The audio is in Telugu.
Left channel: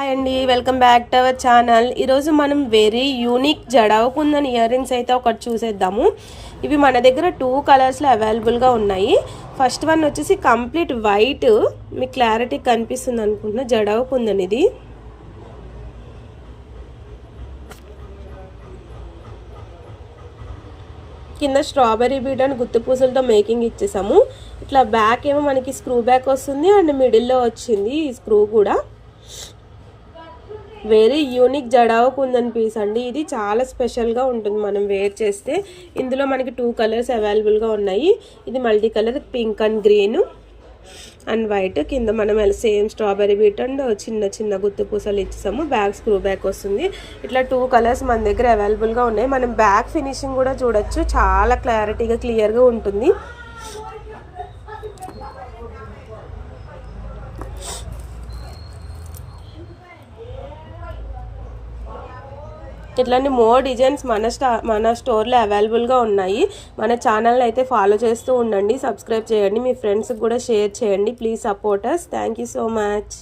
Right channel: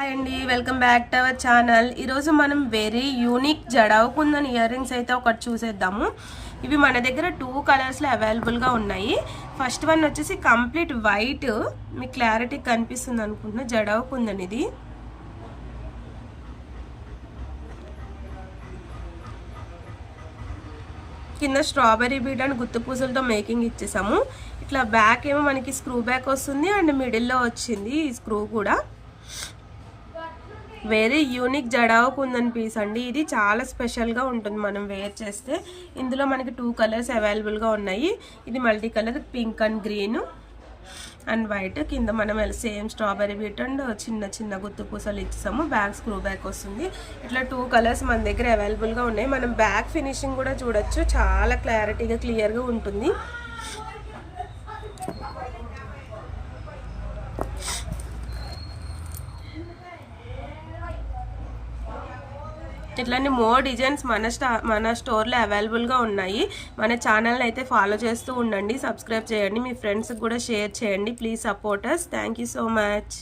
హాయ్ అండి, welcome back to our channel. ఈరోజు మనం వెరీ యూనిక్ జడవకుందని ఇయర్ రింగ్స్ అయితే ఒకటి చూసేద్దాము. ఇవి మన దగ్గర 2 కలర్స్లో అవైలబుల్గా ఉన్నాయి. ఫస్ట్ వన్ వచ్చేసి కంప్లీట్ వైట్, మీకు క్లారిటీ కనిపిస్తుంది అనుకుంటున్నా. జడవకుందని ఇది కింద స్ట్రాబెర్రీ బీడ్ అండ్ గుత్తి పూసలతో మేకింగ్ ఇచ్చేసాము. ఇట్లా బ్యాక్ ఏమో మనకి స్క్రూ బ్యాక్ వస్తుంది అండ్ మిడిల్లో వచ్చింది ఈ స్క్రూ కూడా. వెరీ యూనిక్ జడావకుందని పీస్ అండి. ఇది చాలా స్పెషల్గా ఉంటుంది మనం వేర్ చేస్తే. ఇందులో మనకి 2 కలర్స్ అవైలబుల్గా ఉన్నాయి. ఇది multi colour pink and green and white. కింద మనం సేమ్ స్ట్రాబెర్రీ బీట్ అండ్ చిన్న చిన్న గుత్తి పూసలు ఇచ్చేసాము. బ్యాక్ స్క్రూ బ్యాక్ వస్తుంది. ఇట్లా 2 కలర్స్ మన దగ్గర అవైలబుల్గా ఉన్నాయి. మనం బ్యాక్ ఫినిషింగ్ కూడా చూడొచ్చు, చాలా క్లారిటీగా క్లియర్గా ఉంటుంది. ఇట్లాంటి మోర్ డిజైన్స్ మన స్టోర్లో అవైలబుల్గా ఉన్నాయి. మన ఛానల్ని అయితే ఫాలో చేస్తూ ఉండండి, సబ్స్క్రైబ్ చేయండి, మీ ఫ్రెండ్స్కి కూడా షేర్ చేయండి. Please support us. Thank you so much.